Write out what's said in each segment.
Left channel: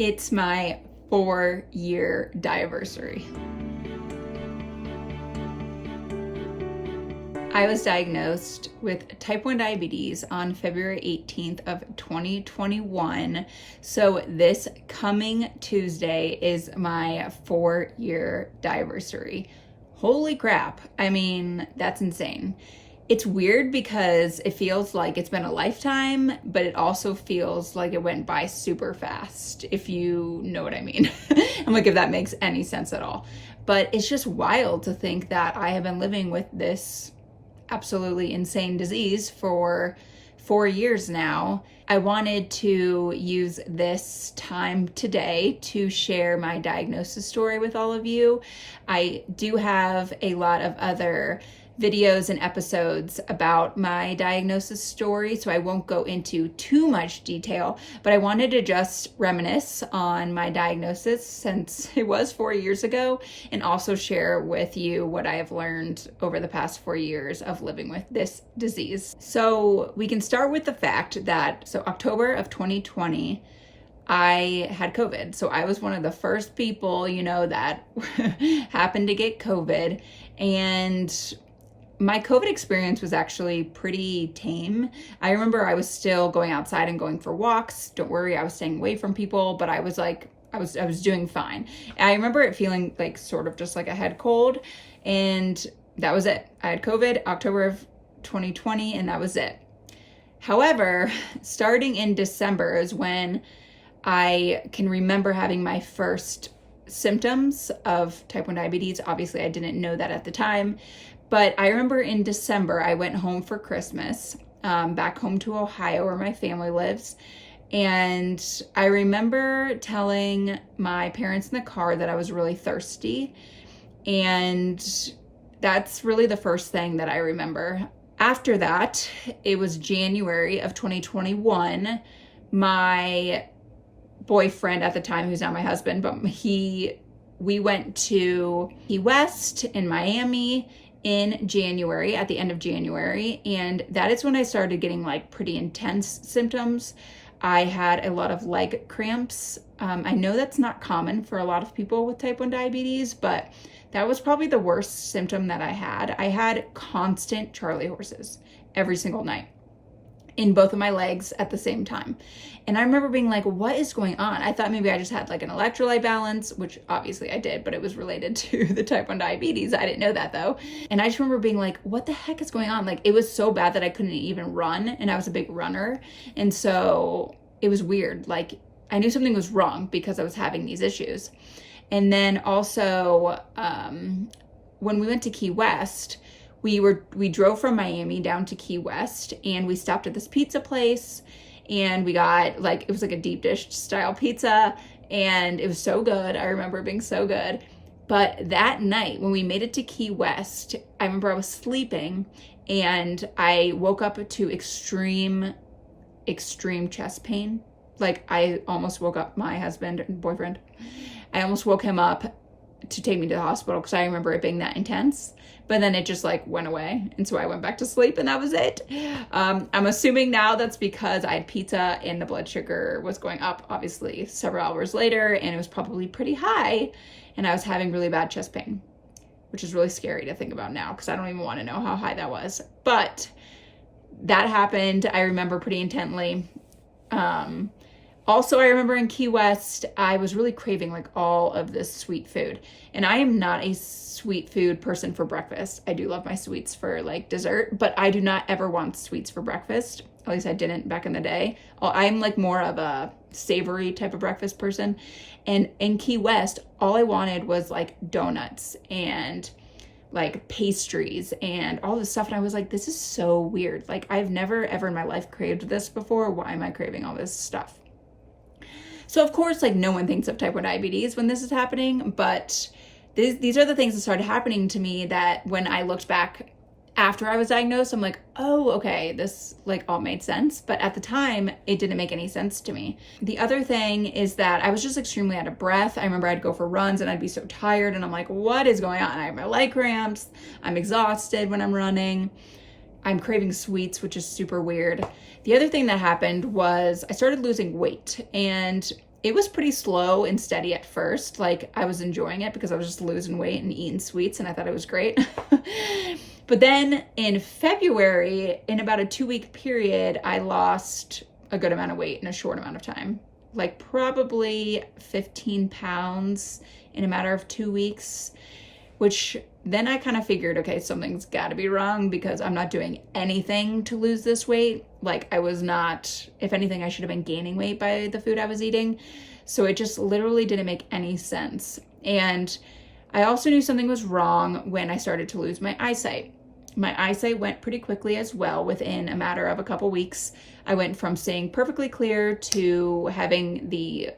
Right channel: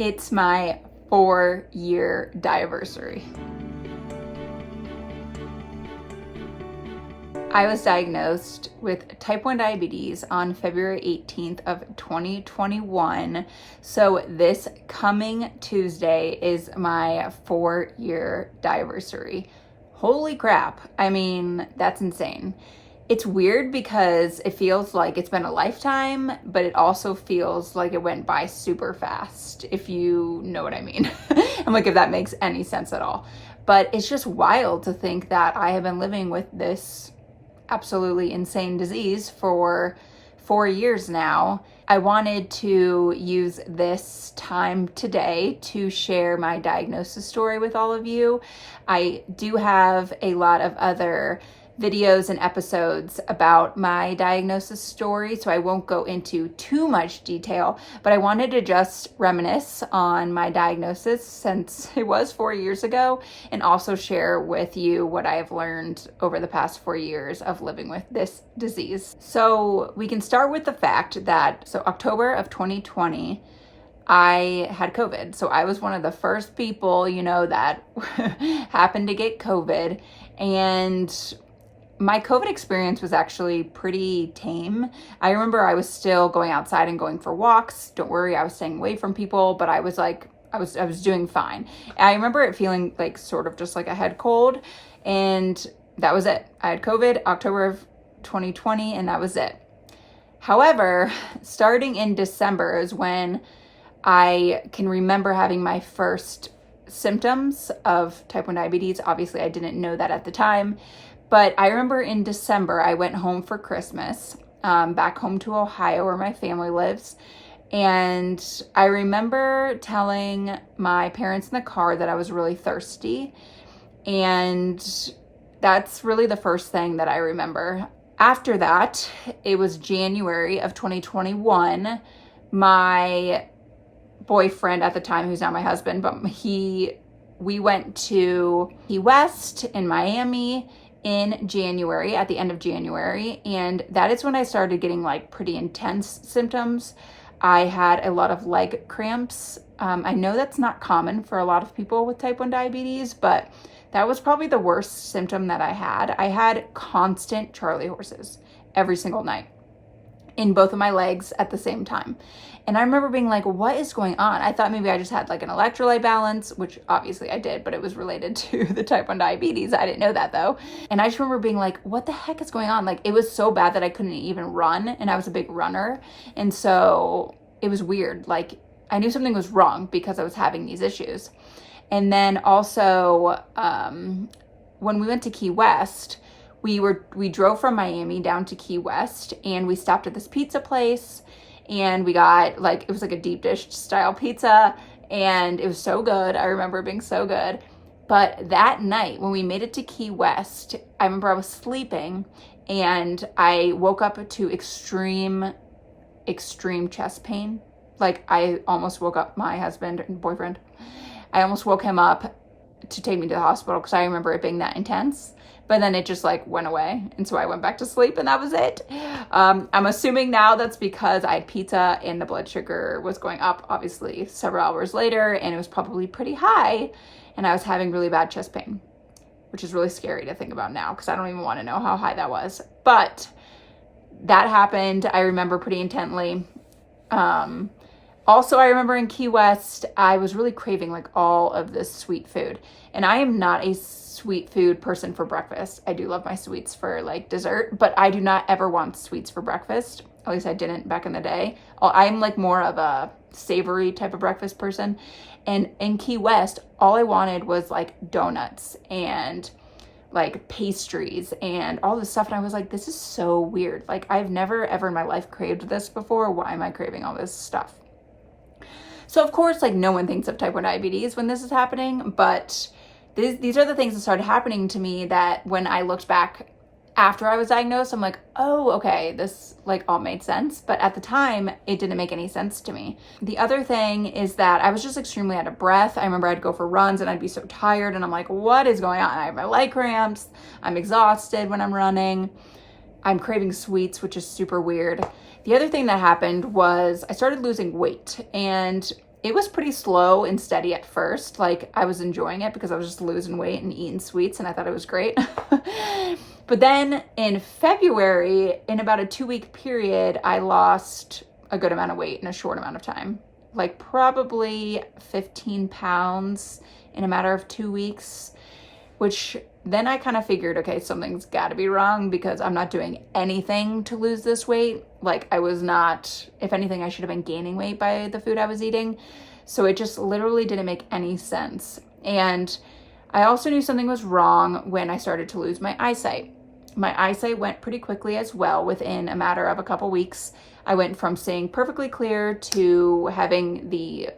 It's my 4-year diaversary. I was diagnosed with type 1 diabetes on February 18th of 2021. So this coming Tuesday is my 4-year diaversary. Holy crap. I mean, that's insane. It's weird because it feels like it's been a lifetime, but it also feels like it went by super fast, if you know what I mean. I'm like, if that makes any sense at all. But it's just wild to think that I have been living with this absolutely insane disease for 4 years now. I wanted to use this time today to share my diagnosis story with all of you. I do have a lot of other videos and episodes about my diagnosis story, so I won't go into too much detail, but I wanted to just reminisce on my diagnosis since it was 4 years ago, and also share with you what I have learned over the past 4 years of living with this disease. So we can start with the fact that, October of 2020, I had COVID. So I was one of the first people, that happened to get COVID, and my COVID experience was actually pretty tame. I remember I was still going outside and going for walks. Don't worry, I was staying away from people, but I was doing fine. I remember it feeling like sort of just like a head cold, and that was it. I had COVID October of 2020, and that was it. However, starting in December is when I can remember having my first symptoms of type 1 diabetes. Obviously, I didn't know that at the time. But I remember in December, I went home for Christmas, back home to Ohio where my family lives. And I remember telling my parents in the car that I was really thirsty. And that's really the first thing that I remember. After that, it was January of 2021. My boyfriend at the time, who's now my husband, but we went to Key West in Miami in January, at the end of January, and that is when I started getting like pretty intense symptoms. I had a lot of leg cramps. I know that's not common for a lot of people with type 1 diabetes, but that was probably the worst symptom that I had. I had constant Charlie horses every single night in both of my legs at the same time. And I remember being like, what is going on? I thought maybe I just had like an electrolyte balance, which obviously I did, but it was related to the type 1 diabetes. I didn't know that though. And I just remember being like, what the heck is going on? Like, it was so bad that I couldn't even run, and I was a big runner. And so it was weird. Like, I knew something was wrong because I was having these issues. And then also, when we went to Key West, we drove from Miami down to Key West, and we stopped at this pizza place. And we got it was like a deep dish style pizza, and it was so good. I remember it being so good. But that night when we made it to Key West, I remember I was sleeping and I woke up to extreme chest pain. Like, I almost woke up my husband and boyfriend. I almost woke him up to take me to the hospital because I remember it being that intense. But then it just went away. And so I went back to sleep, and that was it. I'm assuming now that's because I had pizza and the blood sugar was going up, obviously, several hours later, and it was probably pretty high. And I was having really bad chest pain, which is really scary to think about now because I don't even want to know how high that was. But that happened, I remember, pretty intently. Also, I remember in Key West, I was really craving all of this sweet food. And I am not a sweet food person for breakfast. I do love my sweets for dessert, but I do not ever want sweets for breakfast. At least I didn't back in the day. I'm more of a savory type of breakfast person. And in Key West, all I wanted was donuts and pastries and all this stuff. And I was like, this is so weird. I've never ever in my life craved this before. Why am I craving all this stuff? So of course, no one thinks of type 1 diabetes when this is happening, but these are the things that started happening to me that when I looked back after I was diagnosed, I'm like, oh, okay, this all made sense. But at the time, it didn't make any sense to me. The other thing is that I was just extremely out of breath. I remember I'd go for runs and I'd be so tired, and I'm like, what is going on? I have my leg cramps. I'm exhausted when I'm running. I'm craving sweets, which is super weird. The other thing that happened was I started losing weight, and it was pretty slow and steady at first. Like, I was enjoying it because I was just losing weight and eating sweets, and I thought it was great. But then in February, in about a 2-week period, I lost a good amount of weight in a short amount of time, like probably 15 pounds in a matter of 2 weeks, which then I kind of figured, okay, something's got to be wrong because I'm not doing anything to lose this weight. Like, I was not, if anything, I should have been gaining weight by the food I was eating. So it just literally didn't make any sense. And I also knew something was wrong when I started to lose my eyesight. My eyesight went pretty quickly as well. Within a matter of a couple weeks, I went from seeing perfectly clear to having the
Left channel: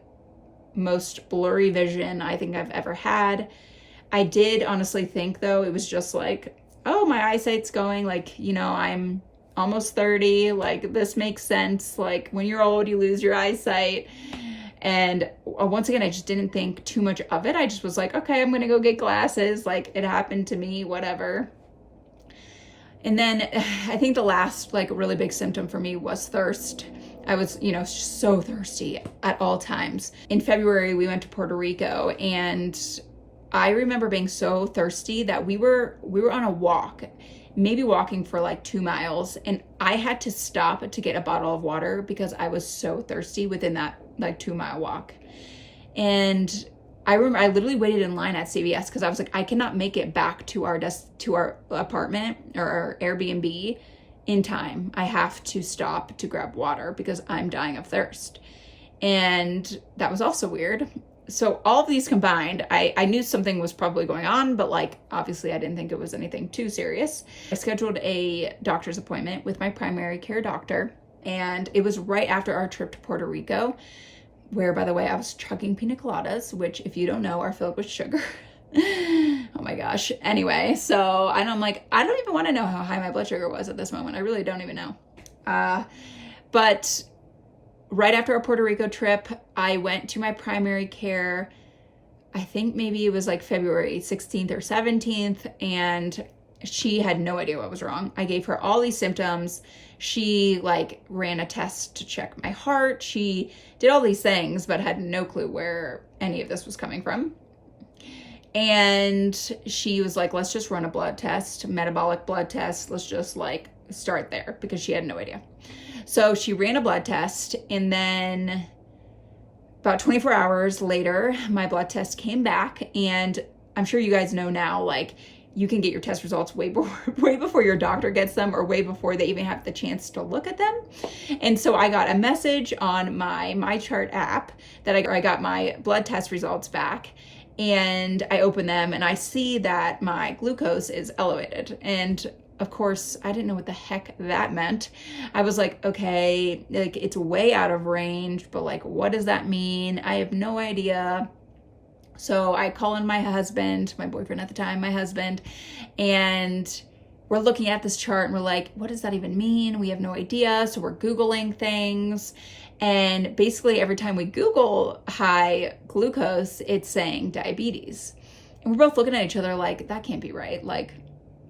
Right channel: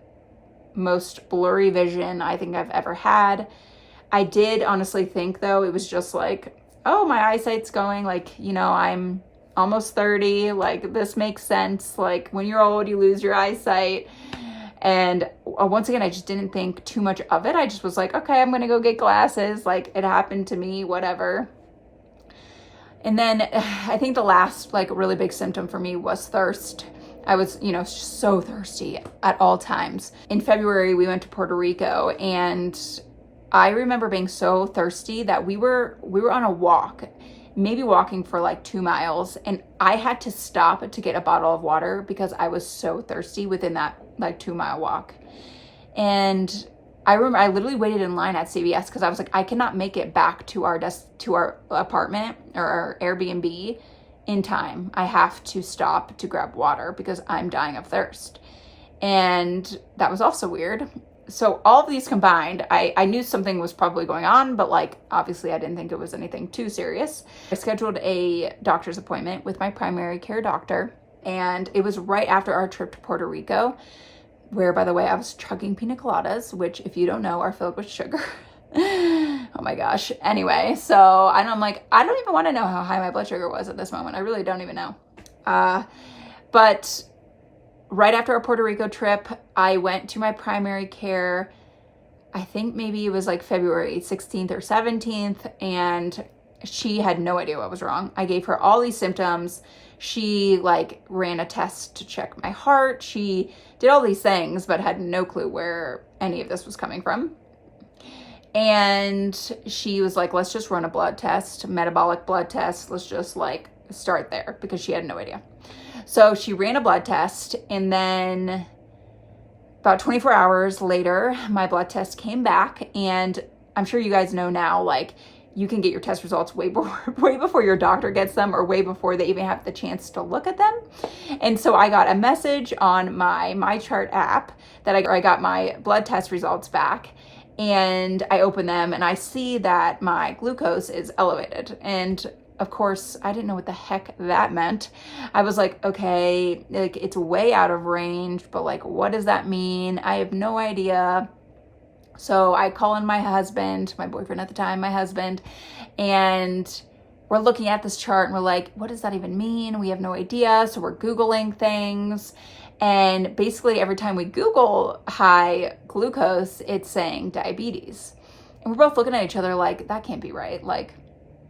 most blurry vision I think I've ever had. I did honestly think, though, it was just like, oh, my eyesight's going, like, you know, I'm almost 30, like, this makes sense. Like, when you're old, you lose your eyesight. And once again, I just didn't think too much of it. I just was like, okay, I'm gonna go get glasses. Like, it happened to me, whatever. And then I think the last, like, really big symptom for me was thirst. I was, you know, so thirsty at all times. In February, we went to Puerto Rico, and I remember being so thirsty that we were on a walk, maybe walking for like 2 miles, and I had to stop to get a bottle of water because I was so thirsty within that like 2-mile walk. And I remember I literally waited in line at CVS because I was like, I cannot make it back to our apartment or our Airbnb in time. I have to stop to grab water because I'm dying of thirst. And that was also weird. So all of these combined, I knew something was probably going on, but like, obviously I didn't think it was anything too serious. I scheduled a doctor's appointment with my primary care doctor, and it was right after our trip to Puerto Rico, where, by the way, I was chugging pina coladas, which, if you don't know, are filled with sugar. Oh my gosh. Anyway, so I'm like, I don't even want to know how high my blood sugar was at this moment. I really don't even know. But right after our Puerto Rico trip, I went to my primary care. I think maybe it was like February 16th or 17th, and she had no idea what was wrong. I gave her all these symptoms. She like ran a test to check my heart. She did all these things, but had no clue where any of this was coming from. And she was like, let's just run a blood test, metabolic blood test. Let's just like start there, because she had no idea. So she ran a blood test, and then about 24 hours later, my blood test came back. And I'm sure you guys know now, like, you can get your test results way before your doctor gets them, or way before they even have the chance to look at them. And so I got a message on my MyChart app that I got my blood test results back, and I open them and I see that my glucose is elevated. And of course, I didn't know what the heck that meant. I was like, okay, like, it's way out of range, but like, what does that mean? I have no idea. So I call in my husband, my boyfriend at the time, my husband, and we're looking at this chart and we're like, what does that even mean? We have no idea. So we're Googling things. And basically every time we Google high glucose, it's saying diabetes. And we're both looking at each other like, that can't be right. Like,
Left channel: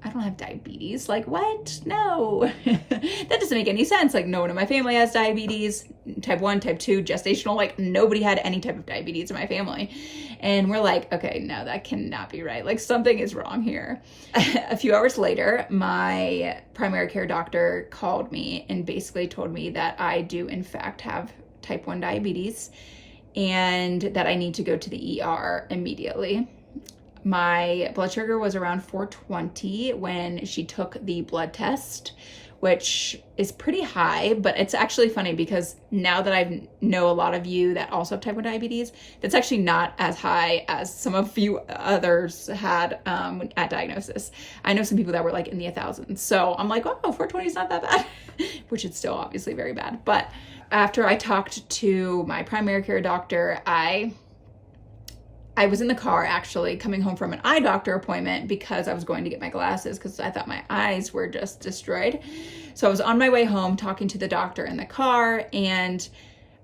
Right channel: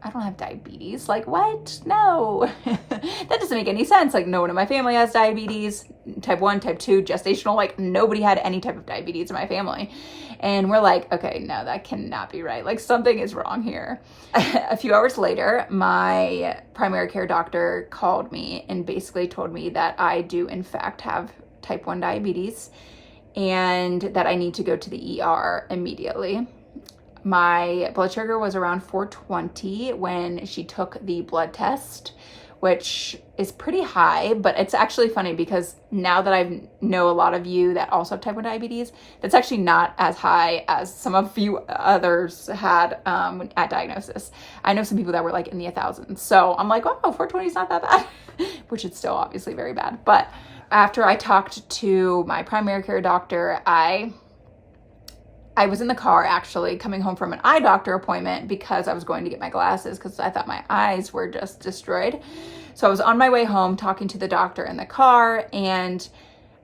I don't have diabetes. Like, what? No, that doesn't make any sense. Like, no one in my family has diabetes, type 1, type 2, gestational. Like, nobody had any type of diabetes in my family. And we're like, okay, no, that cannot be right. Like, something is wrong here. A few hours later, my primary care doctor called me and basically told me that I do in fact have type 1 diabetes, and that I need to go to the ER immediately. My blood sugar was around 420 when she took the blood test, which is pretty high, but it's actually funny because now that I know a lot of you that also have type 1 diabetes, that's actually not as high as some of you others had at diagnosis. I know some people that were like in the 1,000s. So I'm like, oh, 420 is not that bad, which is still obviously very bad. But after I talked to my primary care doctor, I was in the car actually coming home from an eye doctor appointment because I was going to get my glasses because I thought my eyes were just destroyed. So I was on my way home talking to the doctor in the car, and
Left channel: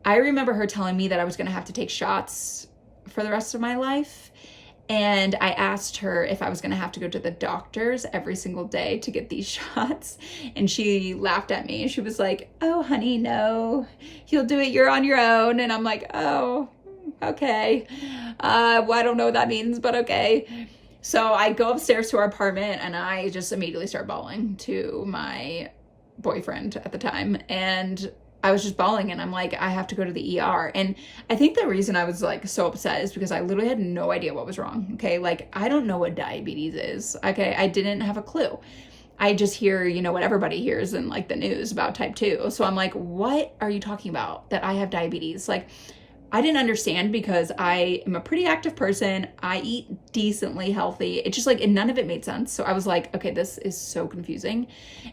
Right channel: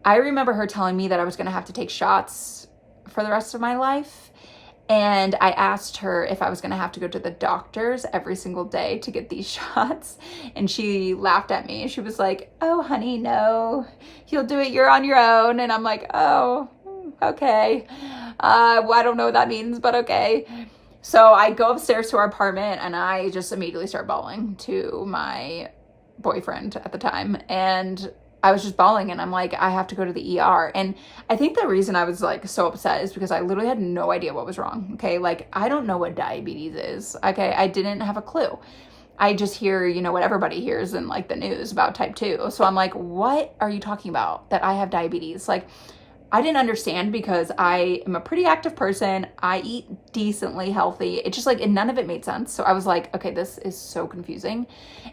I remember her telling me that I was going to have to take shots for the rest of my life. And I asked her if I was going to have to go to the doctors every single day to get these shots. And she laughed at me. She was like, oh, honey, no, you'll do it. You're on your own. And I'm like, oh, okay. Well, I don't know what that means, but okay. So I go upstairs to our apartment and I just immediately start bawling to my boyfriend at the time. And I was just bawling and I'm like, I have to go to the ER. And I think the reason I was like so upset is because I literally had no idea what was wrong. Okay. Like, I don't know what diabetes is. Okay. I didn't have a clue. I just hear, you know, what everybody hears in like the news about type 2. So I'm like, what are you talking about that I have diabetes? Like, I didn't understand because I am a pretty active person. I eat decently healthy. It just like, and none of it made sense. So I was like, okay, this is so confusing.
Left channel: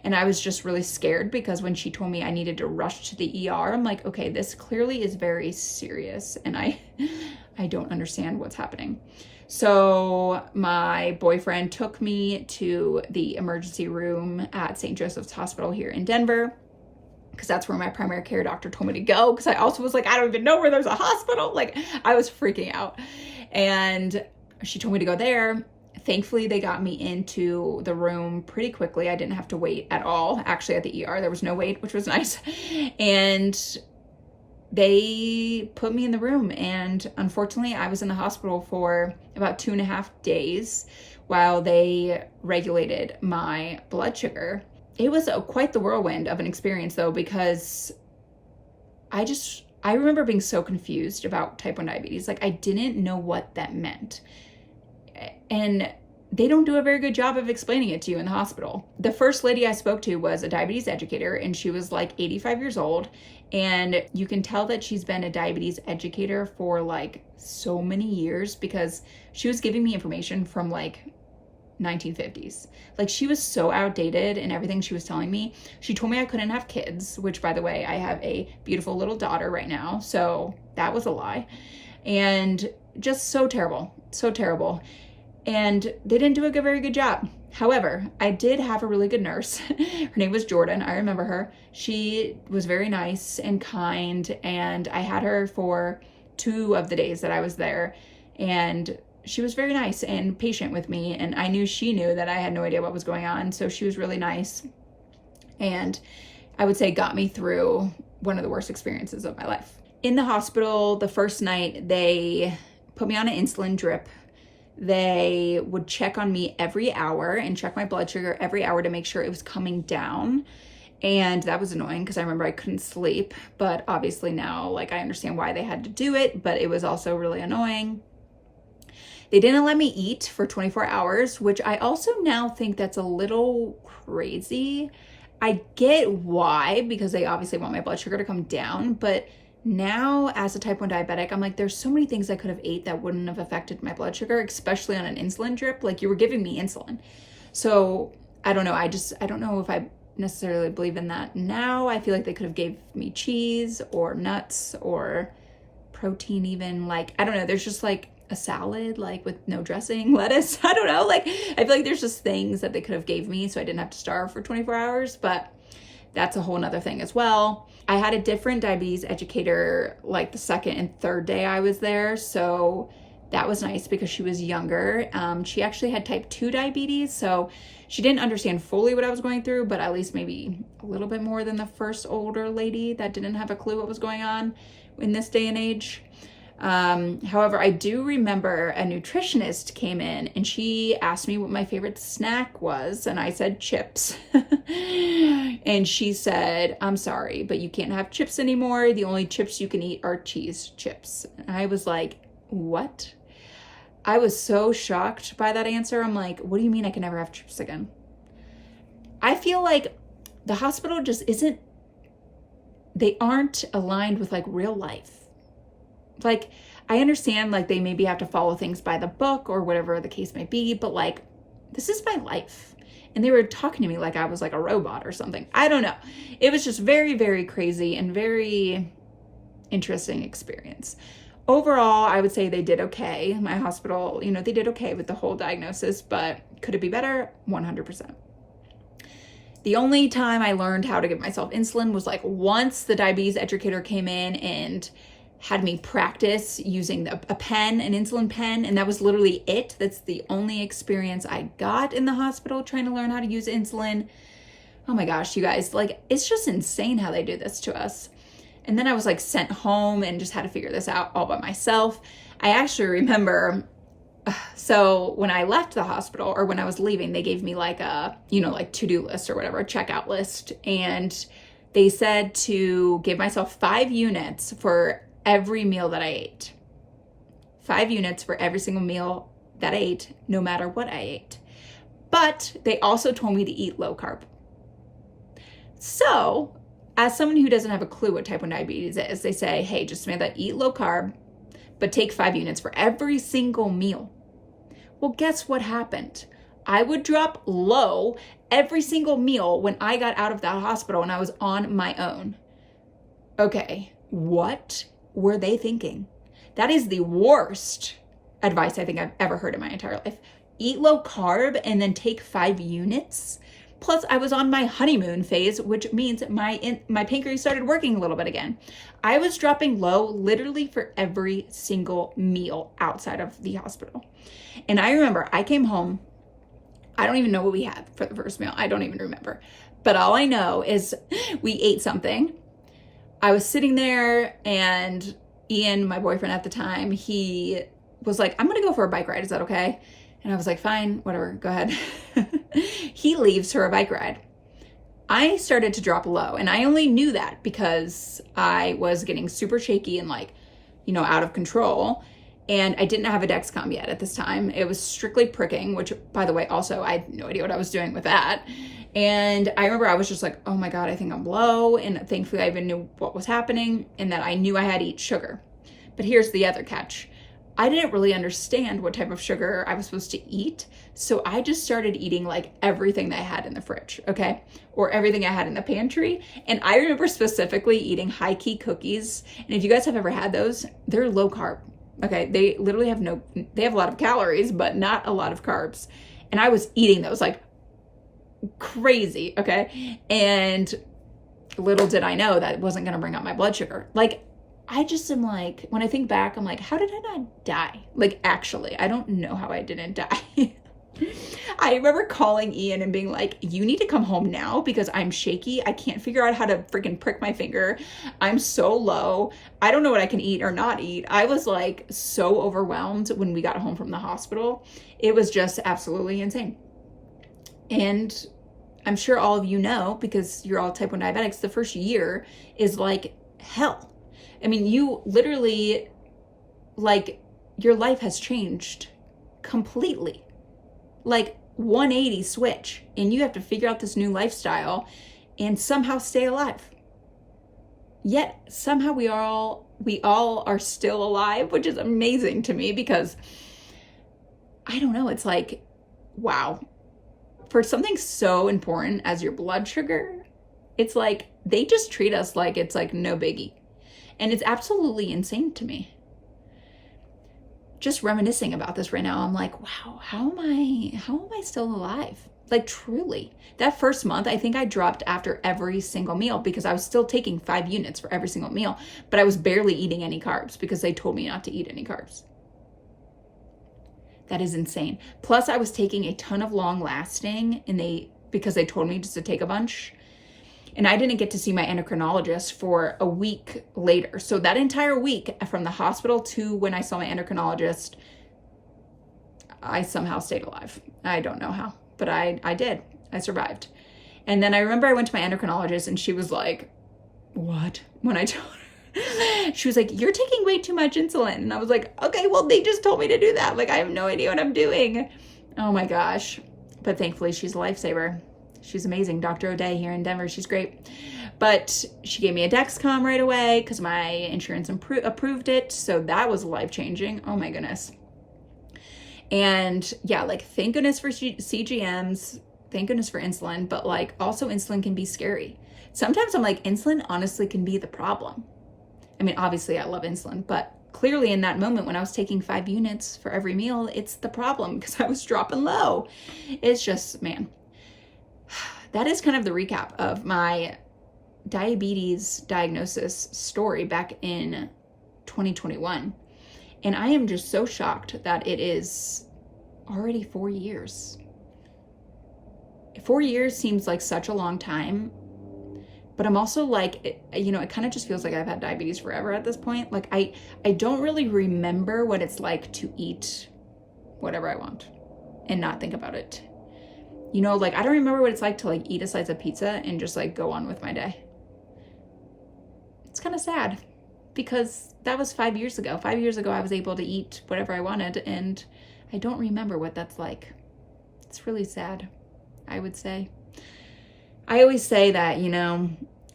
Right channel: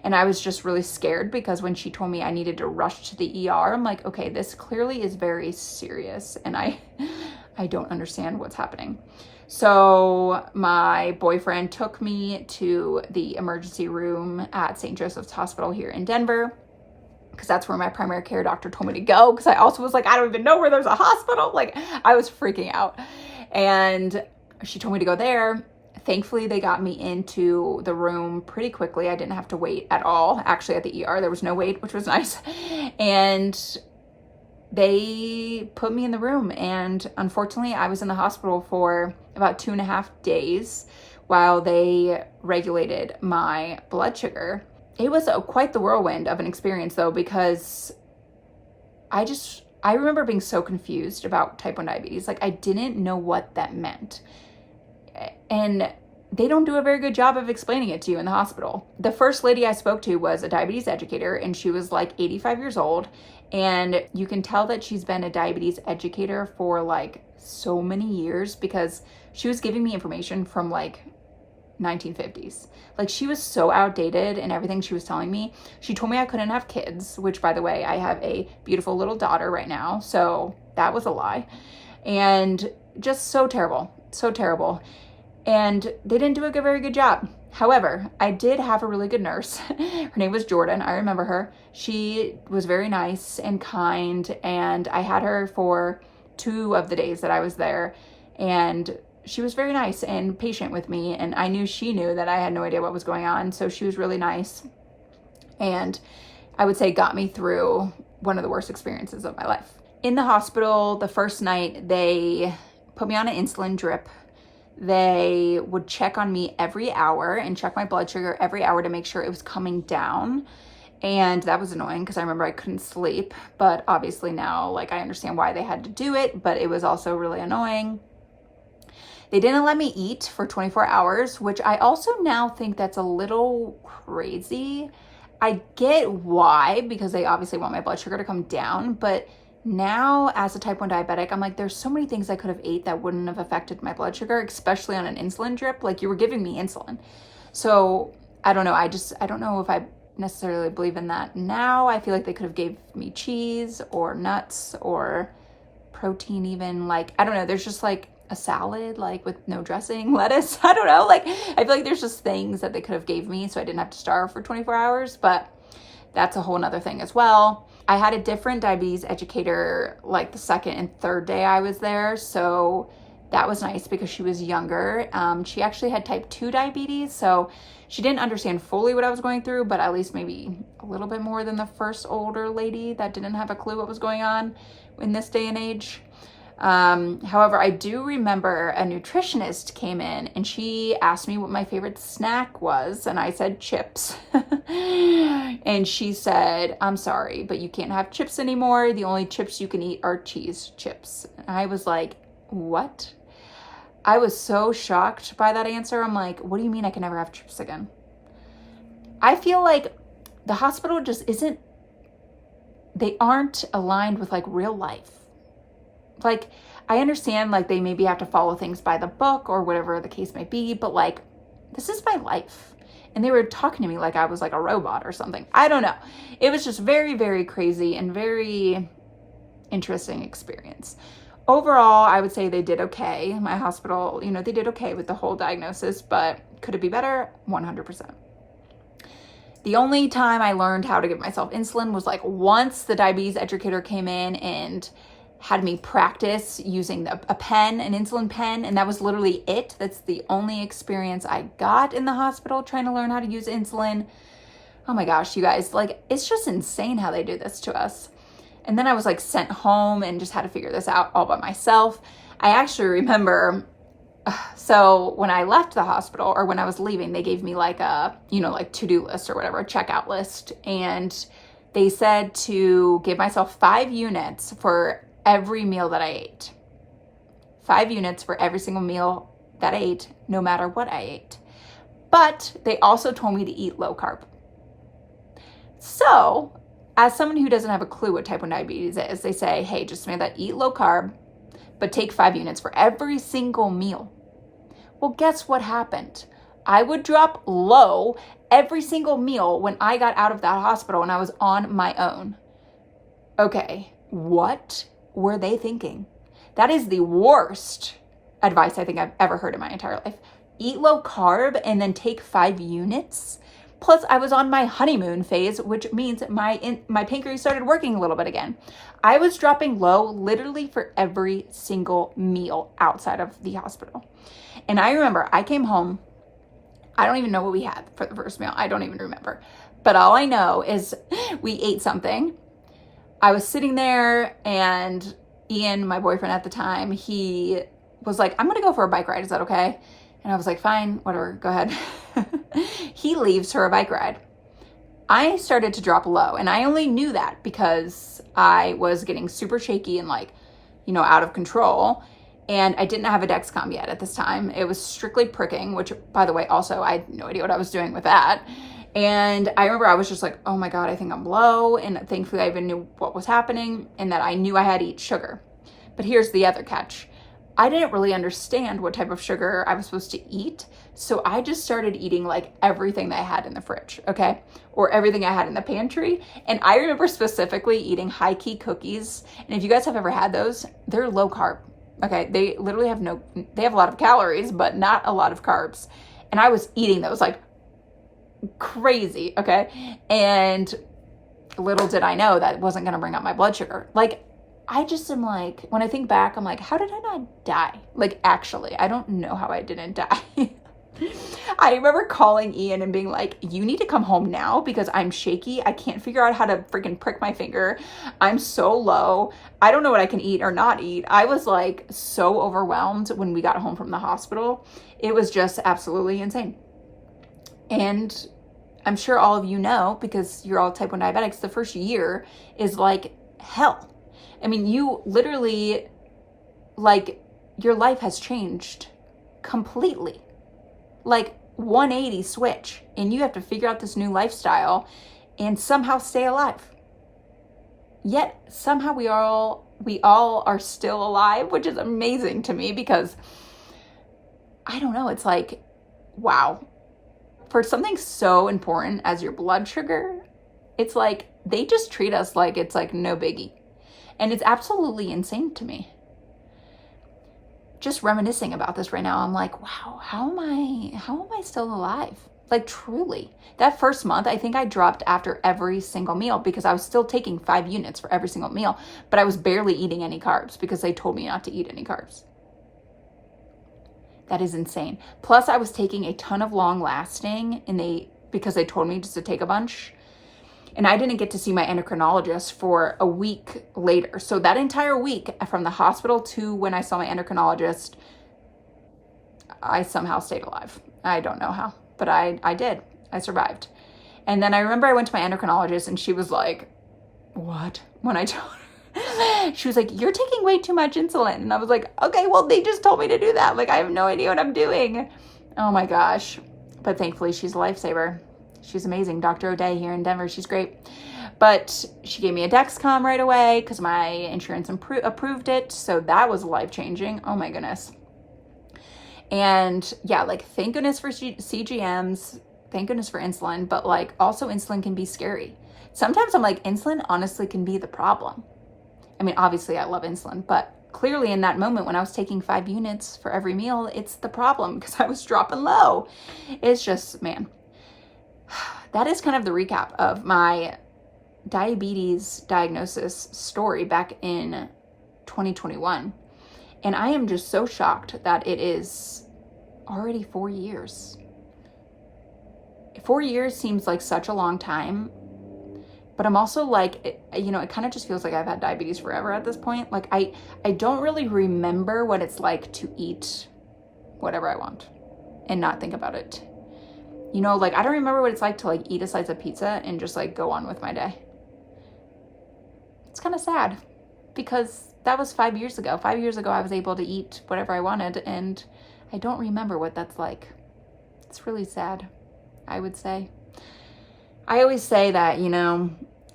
And I was just really scared because when she told me I needed to rush to the ER, I'm like, okay, this clearly is very serious. And I don't understand what's happening. So my boyfriend took me to the emergency room at St. Joseph's Hospital here in Denver, because that's where my primary care doctor told me to go. Because I also was like, I don't even know where there's a hospital. Like, I was freaking out. And she told me to go there. Thankfully, they got me into the room pretty quickly. I didn't have to wait at all. Actually, at the ER, there was no wait, which was nice. And they put me in the room. And unfortunately, I was in the hospital for about 2.5 days while they regulated my blood sugar. It was quite the whirlwind of an experience though, because I remember being so confused about type 1 diabetes. Like, I didn't know what that meant. And they don't do a very good job of explaining it to you in the hospital. The first lady I spoke to was a diabetes educator, and she was like 85 years old. And you can tell that she's been a diabetes educator for like so many years, because she was giving me information from like 1950s. Like, she was so outdated in everything she was telling me. She told me I couldn't have kids, which, by the way, I have a beautiful little daughter right now. So that was a lie. And just so terrible, so terrible. And they didn't do a very good job. However, I did have a really good nurse. Her name was Jordan. I remember her. She was very nice and kind. And I had her for 2 of the days that I was there. And she was very nice and patient with me. And I knew she knew that I had no idea what was going on. So she was really nice. And I would say got me through one of the worst experiences of my life. In the hospital, the first night, they put me on an insulin drip. They would check on me every hour and check my blood sugar every hour to make sure it was coming down. And that was annoying because I remember I couldn't sleep. But obviously now, like, I understand why they had to do it, but it was also really annoying. They didn't let me eat for 24 hours, which I also now think that's a little crazy. I get why, because they obviously want my blood sugar to come down, but now as a type 1 diabetic, I'm like, there's so many things I could have ate that wouldn't have affected my blood sugar, especially on an insulin drip. Like, you were giving me insulin. So I don't know. I don't know if I necessarily believe in that now. I feel like they could have gave me cheese or nuts or protein even. Like, I don't know. There's just like a salad, like with no dressing, lettuce. I don't know. Like, I feel like there's just things that they could have gave me so I didn't have to starve for 24 hours, but that's a whole nother thing as well. I had a different diabetes educator like the second and third day I was there. So that was nice because she was younger. She actually had type 2 diabetes. So she didn't understand fully what I was going through, but at least maybe a little bit more than the first older lady that didn't have a clue what was going on in this day and age. However, I do remember a nutritionist came in and she asked me what my favorite snack was. And I said chips. And she said, I'm sorry, but you can't have chips anymore. The only chips you can eat are cheese chips. And I was like, what? I was so shocked by that answer. I'm like, what do you mean I can never have chips again? I feel like the hospital just they aren't aligned with like real life. Like, I understand like they maybe have to follow things by the book or whatever the case may be, but like, this is my life. And they were talking to me like I was like a robot or something. I don't know. It was just very, very crazy and very interesting experience. Overall, I would say they did okay. My hospital, they did okay with the whole diagnosis, but could it be better? 100%. The only time I learned how to give myself insulin was like once the diabetes educator came in and had me practice using an insulin pen, and that was literally it. That's the only experience I got in the hospital trying to learn how to use insulin. Oh my gosh, you guys, like, it's just insane how they do this to us. And then I was like sent home and just had to figure this out all by myself. I actually remember, so when I left the hospital, or when I was leaving, they gave me like a, like to-do list or whatever, a checkout list. And they said to give myself 5 units for every meal that I ate. 5 units for every single meal that I ate, no matter what I ate. But they also told me to eat low carb. So, as someone who doesn't have a clue what type 1 diabetes is, they say, hey, just Samantha, eat low carb, but take 5 units for every single meal. Well, guess what happened? I would drop low every single meal when I got out of that hospital and I was on my own. Okay, what were they thinking? That is the worst advice I think I've ever heard in my entire life. Eat low carb and then take 5 units. Plus, I was on my honeymoon phase, which means my pancreas started working a little bit again. I was dropping low literally for every single meal outside of the hospital. And I remember I came home. I don't even know what we had for the first meal. I don't even remember. But all I know is we ate something. I was sitting there and Ian, my boyfriend at the time, he was like, I'm going to go for a bike ride. Is that okay? And I was like, fine, whatever, go ahead. He leaves for a bike ride. I started to drop low, and I only knew that because I was getting super shaky and like, out of control. And I didn't have a Dexcom yet at this time. It was strictly pricking, which, by the way, also I had no idea what I was doing with that. And I remember I was just like, oh my God, I think I'm low. And thankfully I even knew what was happening and that I knew I had to eat sugar. But here's the other catch. I didn't really understand what type of sugar I was supposed to eat. So I just started eating like everything that I had in the fridge, okay? Or everything I had in the pantry. And I remember specifically eating high key cookies. And if you guys have ever had those, they're low carb, okay? They literally have they have a lot of calories, but not a lot of carbs. And I was eating those like crazy, okay? And little did I know that it wasn't gonna bring up my blood sugar. Like, I just am like, when I think back, I'm like, how did I not die? Like, actually, I don't know how I didn't die. I remember calling Ian and being like, you need to come home now because I'm shaky. I can't figure out how to freaking prick my finger. I'm so low. I don't know what I can eat or not eat. I was like so overwhelmed when we got home from the hospital. It was just absolutely insane. And I'm sure all of you know, because you're all type 1 diabetics, the first year is like hell. I mean, you literally, like, your life has changed completely. Like 180 switch, and you have to figure out this new lifestyle and somehow stay alive. Yet somehow we all are still alive, which is amazing to me because I don't know, it's like, wow. For something so important as your blood sugar, it's like they just treat us like it's like no biggie. And it's absolutely insane to me. Just reminiscing about this right now, I'm like, wow, how am I still alive? Like, truly. That first month, I think I dropped after every single meal because I was still taking 5 units for every single meal, but I was barely eating any carbs because they told me not to eat any carbs. That is insane. Plus, I was taking a ton of long lasting because they told me just to take a bunch. And I didn't get to see my endocrinologist for a week later. So that entire week from the hospital to when I saw my endocrinologist, I somehow stayed alive. I don't know how, but I did. I survived. And then I remember I went to my endocrinologist and she was like, what? When I told her, she was like, you're taking way too much insulin. And I was like, okay, well, they just told me to do that. Like, I have no idea what I'm doing. Oh my gosh. But thankfully she's a lifesaver. She's amazing. Dr. O'Day here in Denver. She's great. But she gave me a Dexcom right away because my insurance approved it. So that was life-changing. Oh my goodness. And yeah, like, thank goodness for CGMs. Thank goodness for insulin. But like, also insulin can be scary. Sometimes I'm like, insulin honestly can be the problem. I mean, obviously I love insulin, but clearly in that moment when I was taking 5 units for every meal, it's the problem because I was dropping low. It's just, man. That is kind of the recap of my diabetes diagnosis story back in 2021. And I am just so shocked that it is already 4 years. 4 years seems like such a long time, but I'm also like, it kind of just feels like I've had diabetes forever at this point. Like I don't really remember what it's like to eat whatever I want and not think about it. Like I don't remember what it's like to like eat a slice of pizza and just like go on with my day. It's kind of sad because that was 5 years ago. 5 years ago, I was able to eat whatever I wanted, and I don't remember what that's like. It's really sad, I would say. I always say that,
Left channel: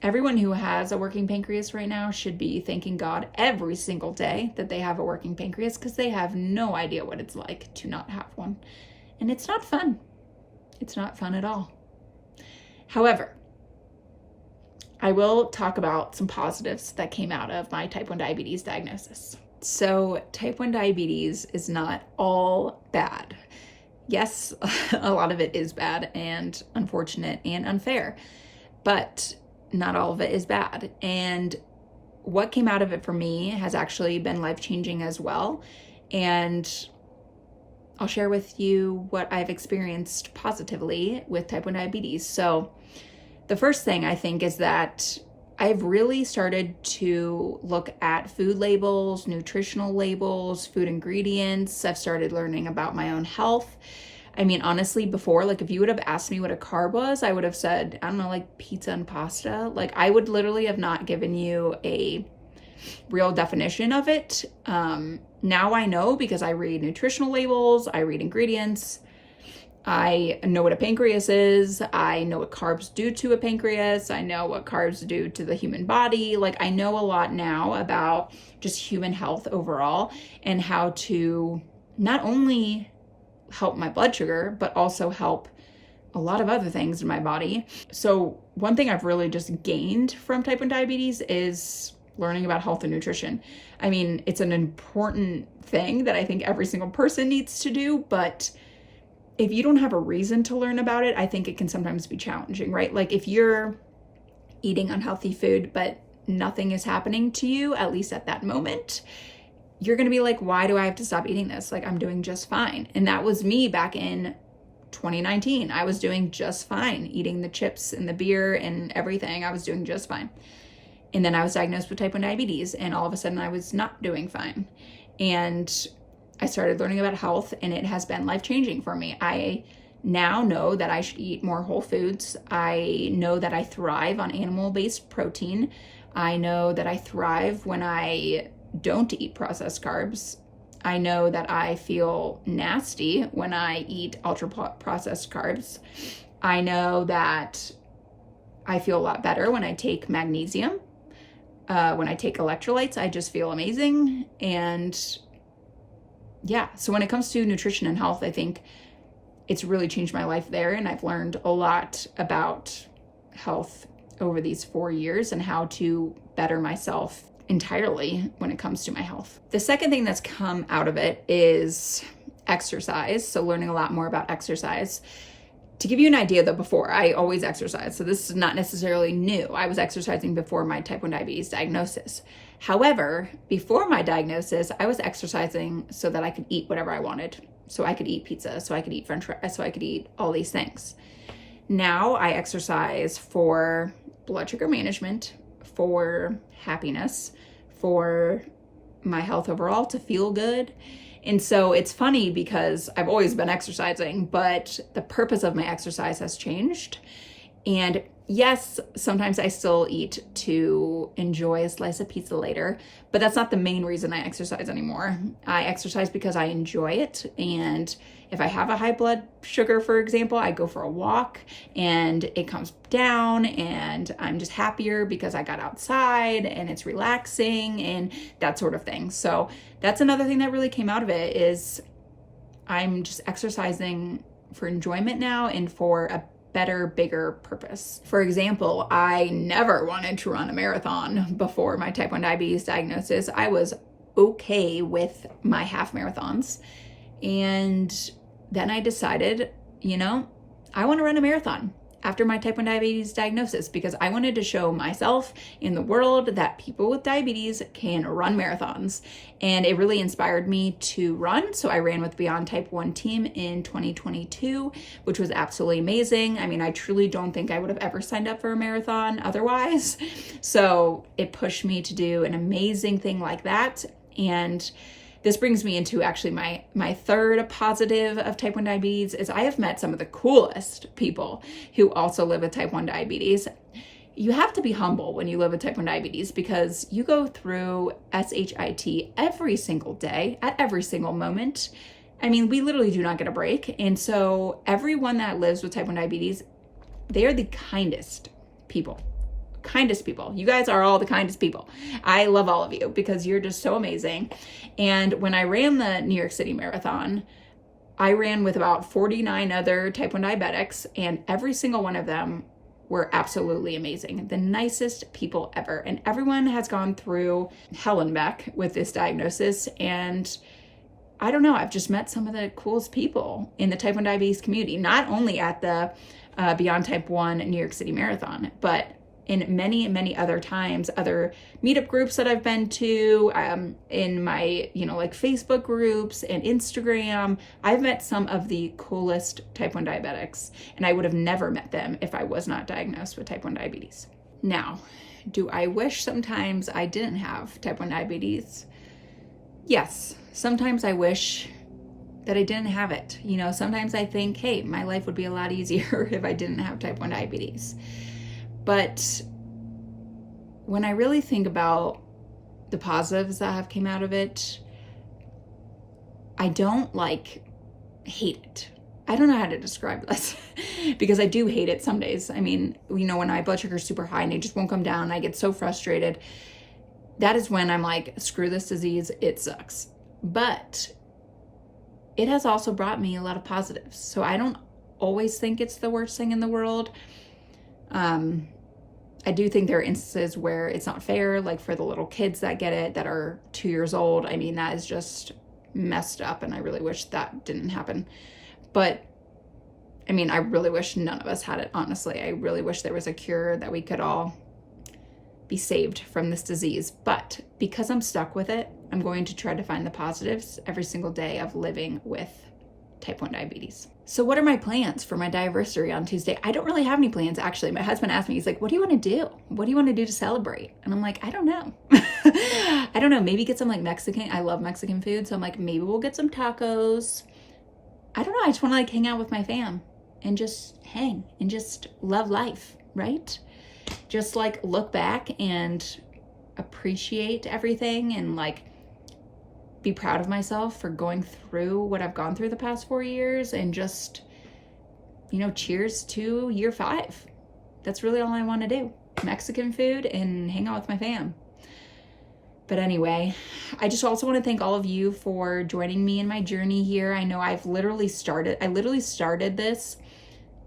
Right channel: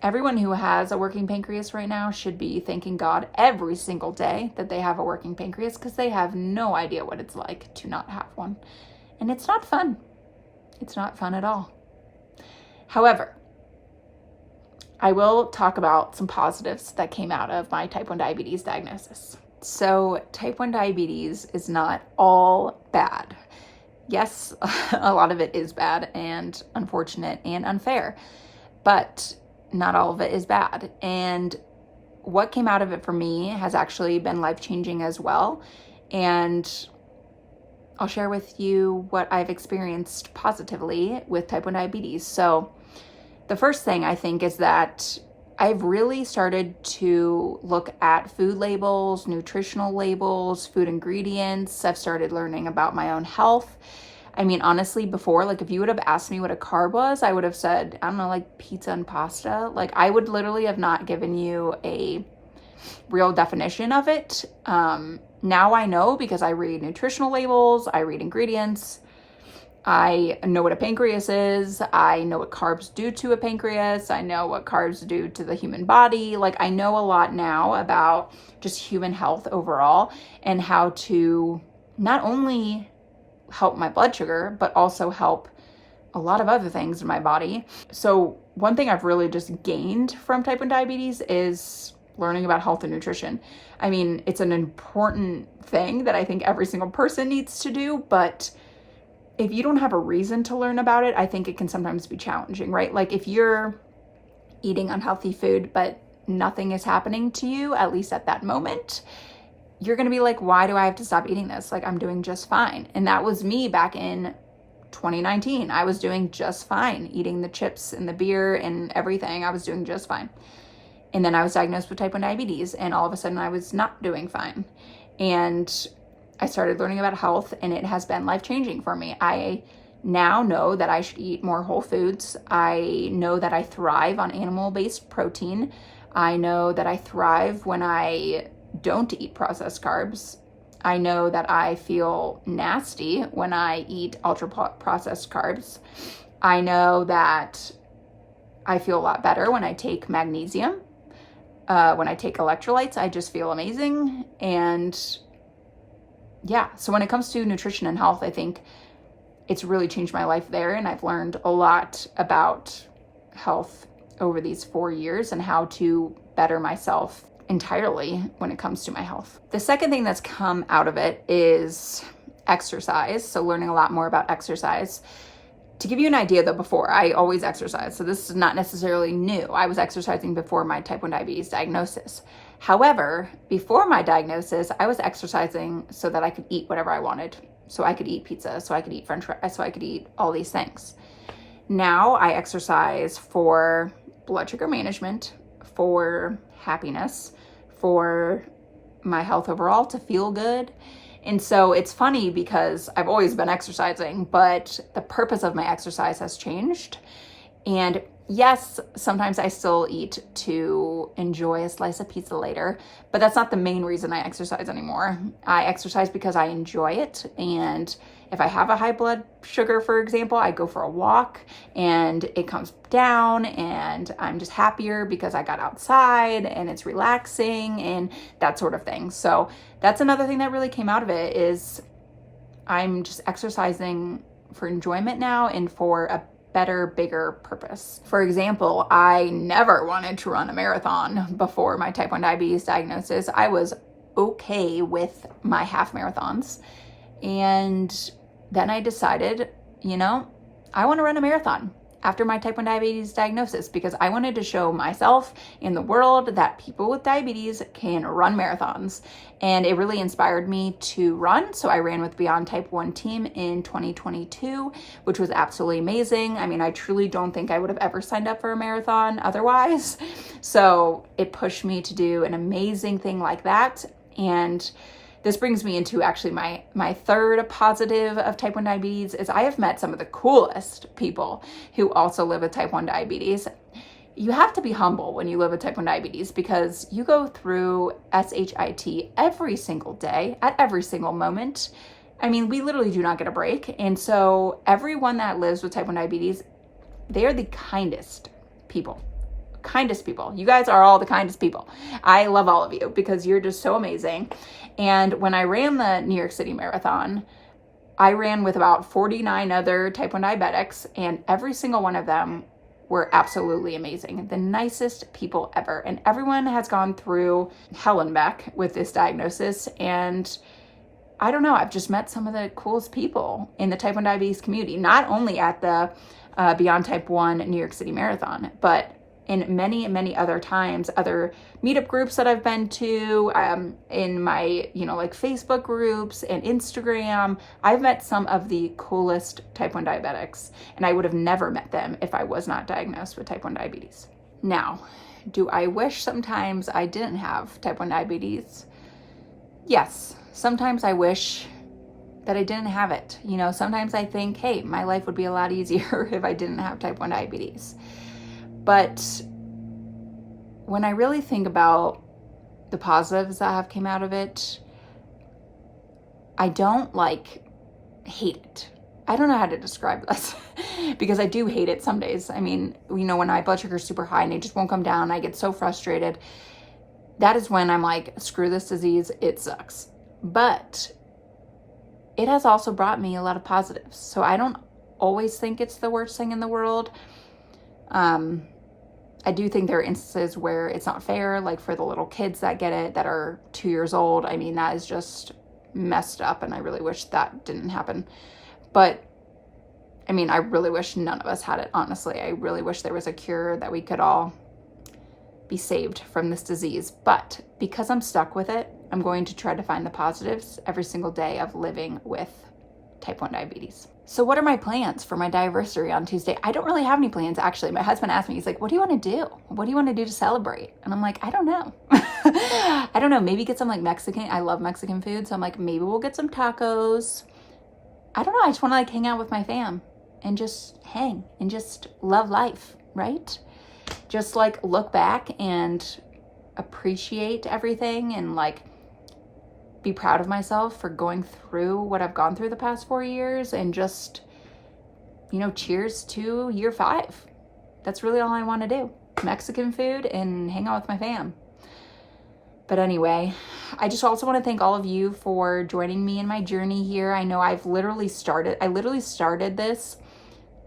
everyone who has a working pancreas right now should be thanking God every single day that they have a working pancreas, because they have no idea what it's like to not have one. And it's not fun. It's not fun at all. However, I will talk about some positives that came out of my type 1 diabetes diagnosis. So type 1 diabetes is not all bad. Yes, a lot of it is bad and unfortunate and unfair, but not all of it is bad. And what came out of it for me has actually been life-changing as well. And I'll share with you what I've experienced positively with type 1 diabetes. So the first thing I think is that I've really started to look at food labels, nutritional labels, food ingredients. I've started learning about my own health. I mean, honestly, before, like if you would have asked me what a carb was, I would have said, I don't know, like pizza and pasta. Like I would literally have not given you a real definition of it. Now I know because I read nutritional labels, I read ingredients. I know what a pancreas is. I know what carbs do to a pancreas. I know what carbs do to the human body. Like I know a lot now about just human health overall and how to not only help my blood sugar, but also help a lot of other things in my body. So one thing I've really just gained from type 1 diabetes is learning about health and nutrition. I mean, it's an important thing that I think every single person needs to do, but if you don't have a reason to learn about it, I think it can sometimes be challenging, right? Like if you're eating unhealthy food, but nothing is happening to you, at least at that moment, you're going to be like, why do I have to stop eating this? Like I'm doing just fine. And that was me back in 2019. I was doing just fine, eating the chips and the beer and everything. I was doing just fine. And then I was diagnosed with type 1 diabetes, and all of a sudden I was not doing fine. And I started learning about health, and it has been life-changing for me. I now know that I should eat more whole foods. I know that I thrive on animal-based protein. I know that I thrive when I don't eat processed carbs. I know that I feel nasty when I eat ultra-processed carbs. I know that I feel a lot better when I take magnesium. When I take electrolytes, I just feel amazing. And yeah, so when it comes to nutrition and health, I think it's really changed my life there. And I've learned a lot about health over these 4 years and how to better myself entirely when it comes to my health. The second thing that's come out of it is exercise. So learning a lot more about exercise. To give you an idea though, before I always exercised, so this is not necessarily new. I was exercising before my type 1 diabetes diagnosis. However, before my diagnosis, I was exercising so that I could eat whatever I wanted. So I could eat pizza, so I could eat french fries, so I could eat all these things. Now I exercise for blood sugar management, for happiness, for my health overall, to feel good. And so it's funny because I've always been exercising, but the purpose of my exercise has changed. And yes, sometimes I still eat to enjoy a slice of pizza later, but that's not the main reason I exercise anymore. I exercise because I enjoy it. And if I have a high blood sugar, for example, I go for a walk and it comes down and I'm just happier because I got outside and it's relaxing and that sort of thing. So that's another thing that really came out of it is I'm just exercising for enjoyment now and for a better, bigger purpose. For example, I never wanted to run a marathon before my type 1 diabetes diagnosis. I was okay with my half marathons. And then I decided, I want to run a marathon. after my type 1 diabetes diagnosis, because I wanted to show myself and the world that people with diabetes can run marathons. And it really inspired me to run. So I ran with Beyond Type 1 team in 2022, which was absolutely amazing. I mean, I truly don't think I would have ever signed up for a marathon otherwise. So it pushed me to do an amazing thing like that. And this brings me into actually my third positive of type 1 diabetes is I have met some of the coolest people who also live with type 1 diabetes. You have to be humble when you live with type 1 diabetes because you go through SHIT every single day at every single moment. I mean, we literally do not get a break. And so everyone that lives with type 1 diabetes, they are the kindest people. Kindest people. You guys are all the kindest people. I love all of you because you're just so amazing. And when I ran the New York City Marathon, I ran with about 49 other type 1 diabetics, and every single one of them were absolutely amazing. The nicest people ever. And everyone has gone through hell and back with this diagnosis. And I don't know, I've just met some of the coolest people in the type 1 diabetes community, not only at the Beyond Type 1 New York City Marathon, but in many, many other times, other meetup groups that I've been to, in my, like Facebook groups and Instagram. I've met some of the coolest type 1 diabetics, and I would have never met them if I was not diagnosed with type 1 diabetes. Now, do I wish sometimes I didn't have type 1 diabetes? Yes, sometimes I wish that I didn't have it. Sometimes I think, hey, my life would be a lot easier if I didn't have type 1 diabetes. But when I really think about the positives that have came out of it, I don't hate it. I don't know how to describe this because I do hate it some days. I mean, when my blood sugar is super high and it just won't come down, I get so frustrated. That is when I'm like, screw this disease, it sucks. But it has also brought me a lot of positives. So I don't always think it's the worst thing in the world. I do think there are instances where it's not fair, like for the little kids that get it that are 2 years old. I mean, that is just messed up, and I really wish that didn't happen. But I mean, I really wish none of us had it, honestly. I really wish there was a cure that we could all be saved from this disease. But because I'm stuck with it, I'm going to try to find the positives every single day of living with type 1 diabetes. So what are my plans for my Diaversary on Tuesday? I don't really have any plans, actually. My husband asked me, he's like, what do you want to do? What do you want to do to celebrate? And I'm like, I don't know. I don't know. Maybe get some Mexican. I love Mexican food. So I'm like, maybe we'll get some tacos. I don't know. I just want to hang out with my fam and just hang and just love life, right? Just look back and appreciate everything and be proud of myself for going through what I've gone through the past 4 years and just, cheers to year 5. That's really all I want to do. Mexican food and hang out with my fam. But anyway, I just also want to thank all of you for joining me in my journey here. I know I literally started this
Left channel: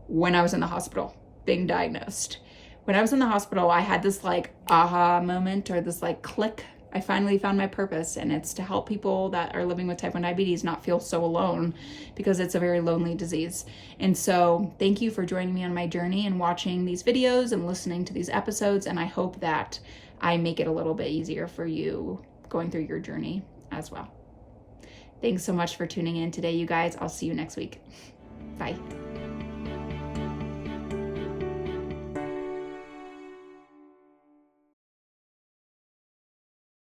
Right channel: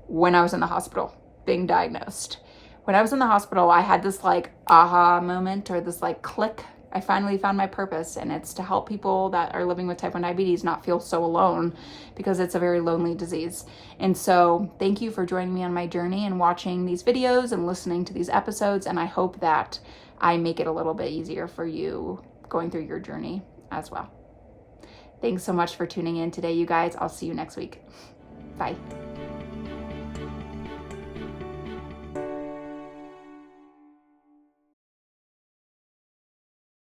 when I was in the hospital being diagnosed. When I was in the hospital, I had this aha moment or this click. I finally found my purpose, and it's to help people that are living with type 1 diabetes not feel so alone because it's a very lonely disease. And so thank you for joining me on my journey and watching these videos and listening to these episodes. And I hope that I make it a little bit easier for you going through your journey as well. Thanks so much for tuning in today, you guys. I'll see you next week. Bye.